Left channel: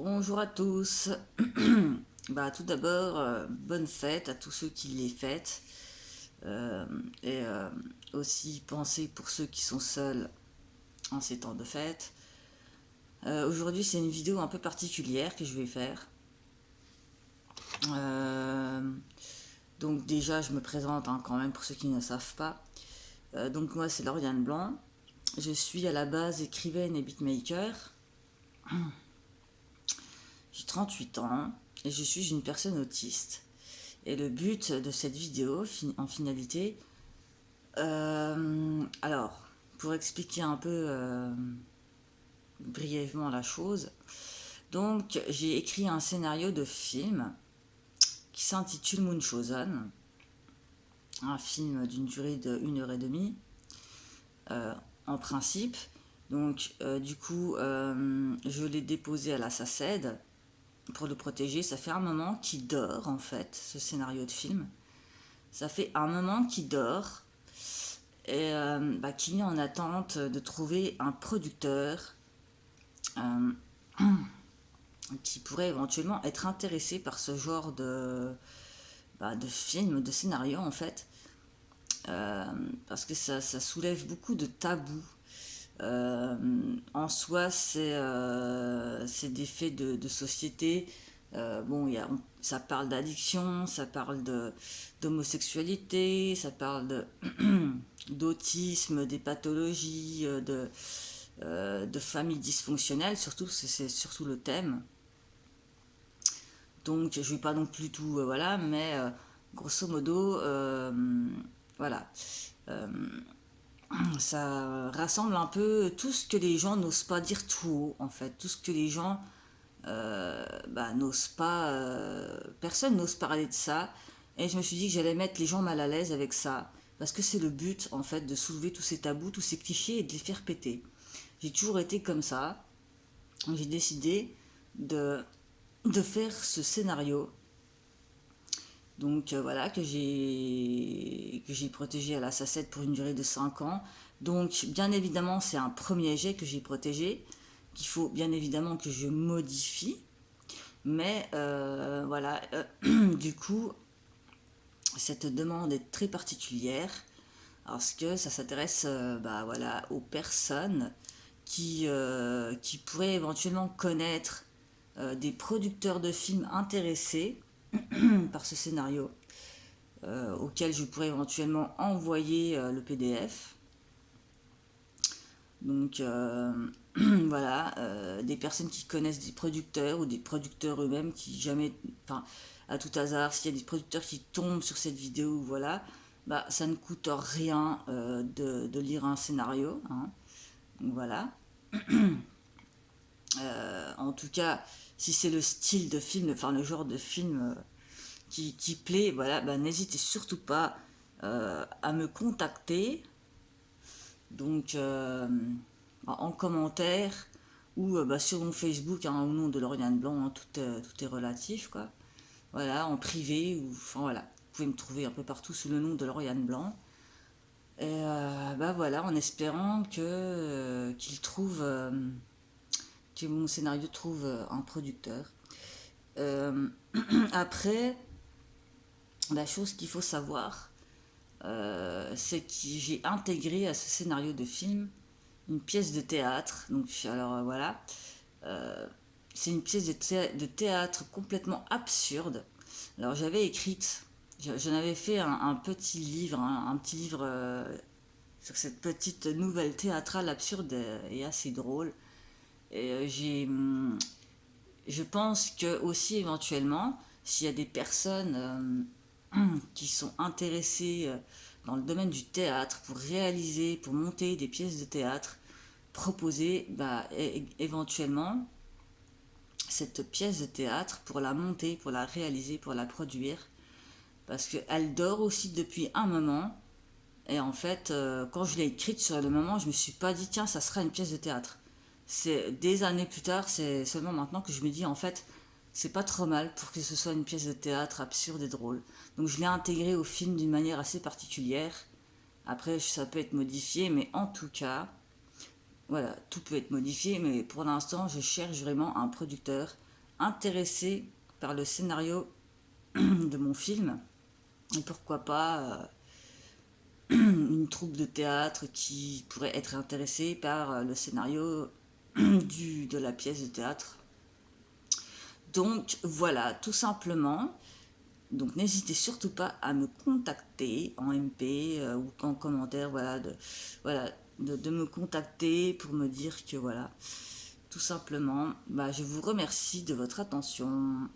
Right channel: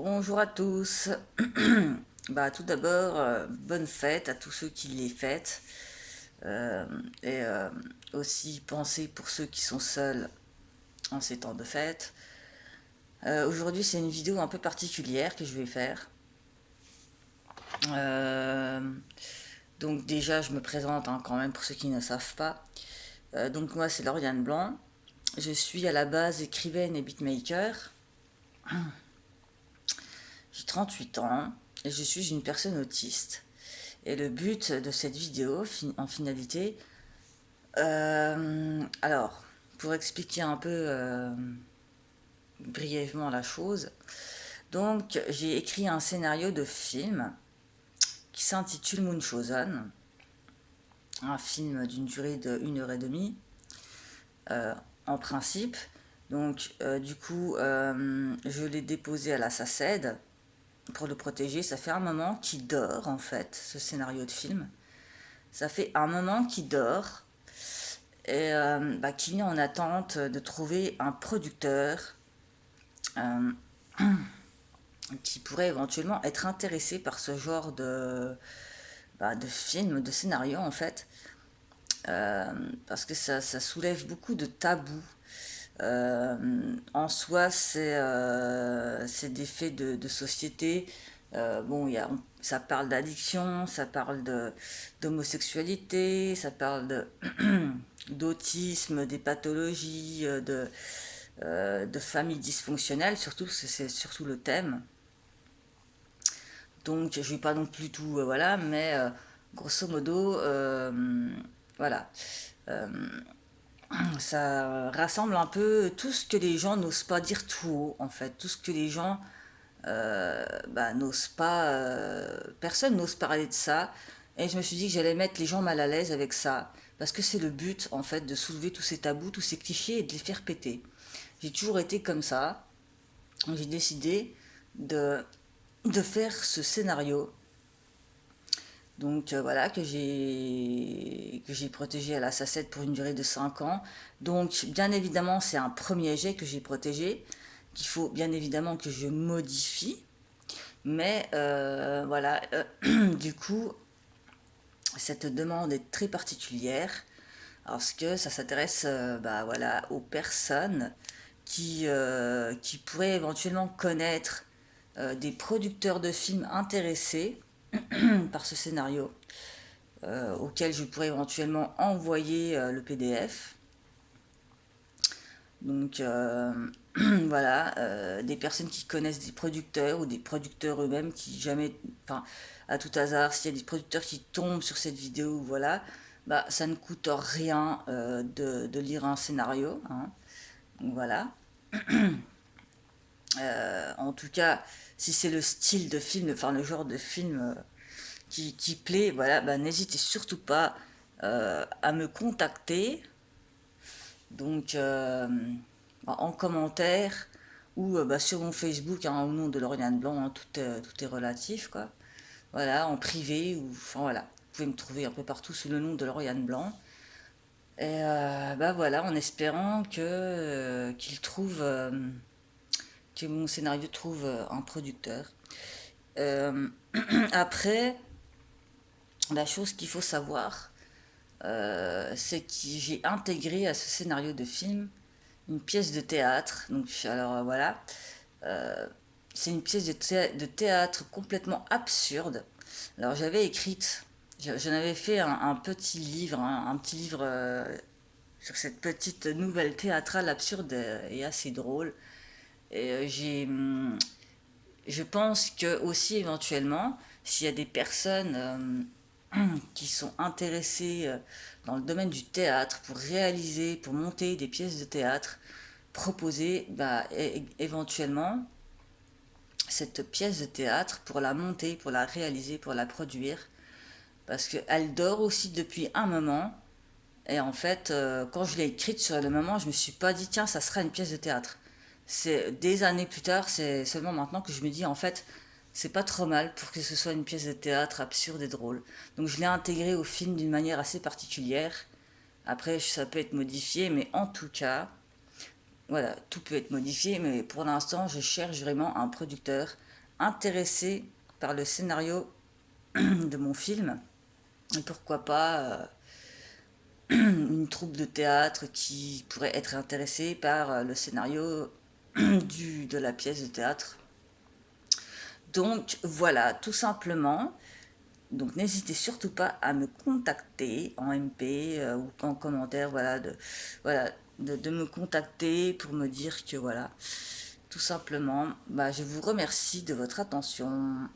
Bonjour à tous. Tout d'abord, bonne fête à tous ceux qui les fêtent. Euh, et aussi pensez pour ceux qui sont seuls en ces temps de fête. Aujourd'hui, c'est une vidéo un peu particulière que je vais faire. Euh, donc déjà, je me présente quand même pour ceux qui ne savent pas. Donc moi, c'est Lauriane Blanc. Je suis à la base écrivaine et beatmaker. J'ai 38 ans et je suis une personne autiste. Et le but de cette vidéo, en finalité, alors, pour expliquer un peu brièvement la chose, donc j'ai écrit un scénario de film qui s'intitule Moonchosen, un film d'une durée de 1 heure et demie, en principe. Donc, du coup, je l'ai déposé à la SACED pour le protéger. Ça fait un moment qu'il dort, en fait, ce scénario de film. Ça fait un moment qu'il dort et qui est en attente de trouver un producteur euh, qui pourrait éventuellement être intéressé par ce genre de film, de scénario en fait, euh, parce que ça soulève beaucoup de tabous. En soi, c'est des faits de société. Ça parle d'addiction, ça parle d'homosexualité, ça parle d'autisme, des pathologies, de familles dysfonctionnelles, surtout, c'est surtout le thème. Donc, je ne vais pas non plus tout, voilà, mais grosso modo, voilà. Euh, Ça rassemble un peu tout ce que les gens n'osent pas dire tout haut, en fait, tout ce que les gens n'osent pas, personne n'ose parler de ça, et je me suis dit que j'allais mettre les gens mal à l'aise avec ça, parce que c'est le but, en fait, de soulever tous ces tabous, tous ces clichés et de les faire péter. J'ai toujours été comme ça, j'ai décidé de, de faire ce scénario, donc voilà, que j'ai protégé à la SACED pour une durée de 5 ans. Donc bien évidemment, c'est un premier jet que j'ai protégé, qu'il faut bien évidemment que je modifie. Mais voilà, du coup, cette demande est très particulière parce que ça s'intéresse voilà, aux personnes qui pourraient éventuellement connaître des producteurs de films intéressés par ce scénario, auquel je pourrais éventuellement envoyer le PDF. Donc voilà, des personnes qui connaissent des producteurs ou des producteurs eux-mêmes qui jamais, enfin à tout hasard, s'il y a des producteurs qui tombent sur cette vidéo, voilà, ça ne coûte rien de lire un scénario, hein. Donc voilà. En tout cas, si c'est le style de film, enfin le genre de film qui plaît, voilà, n'hésitez surtout pas à me contacter. Donc en commentaire ou sur mon Facebook, hein, au nom de Lauriane Blanc, hein, tout est relatif, quoi. Voilà, en privé, ou enfin voilà, vous pouvez me trouver un peu partout sous le nom de Lauriane Blanc. Et voilà, en espérant qu'il trouve, que mon scénario trouve un producteur. Euh, Après, la chose qu'il faut savoir, c'est que j'ai intégré à ce scénario de film une pièce de théâtre. Donc, alors voilà, euh, c'est une pièce de théâtre complètement absurde. Alors, j'avais écrite, j'en avais fait un petit livre, un petit livre sur cette petite nouvelle théâtrale absurde et assez drôle. Et je pense que aussi éventuellement, s'il y a des personnes qui sont intéressées dans le domaine du théâtre pour réaliser, pour monter des pièces de théâtre, proposer éventuellement cette pièce de théâtre pour la monter, pour la réaliser, pour la produire, parce qu'elle dort aussi depuis un moment. Et en fait, quand je l'ai écrite sur le moment, je me suis pas dit tiens, ça sera une pièce de théâtre. C'est des années plus tard, c'est seulement maintenant que je me dis en fait, c'est pas trop mal pour que ce soit une pièce de théâtre absurde et drôle. Donc je l'ai intégrée au film d'une manière assez particulière. Après, ça peut être modifié, mais en tout cas, voilà, tout peut être modifié, mais pour l'instant, je cherche vraiment un producteur intéressé par le scénario de mon film. Et pourquoi pas une troupe de théâtre qui pourrait être intéressée par le scénario de la pièce de théâtre. Donc voilà, tout simplement. Donc n'hésitez surtout pas à me contacter en MP ou en commentaire, voilà, de me contacter pour me dire que voilà, tout simplement, bah, je vous remercie de votre attention.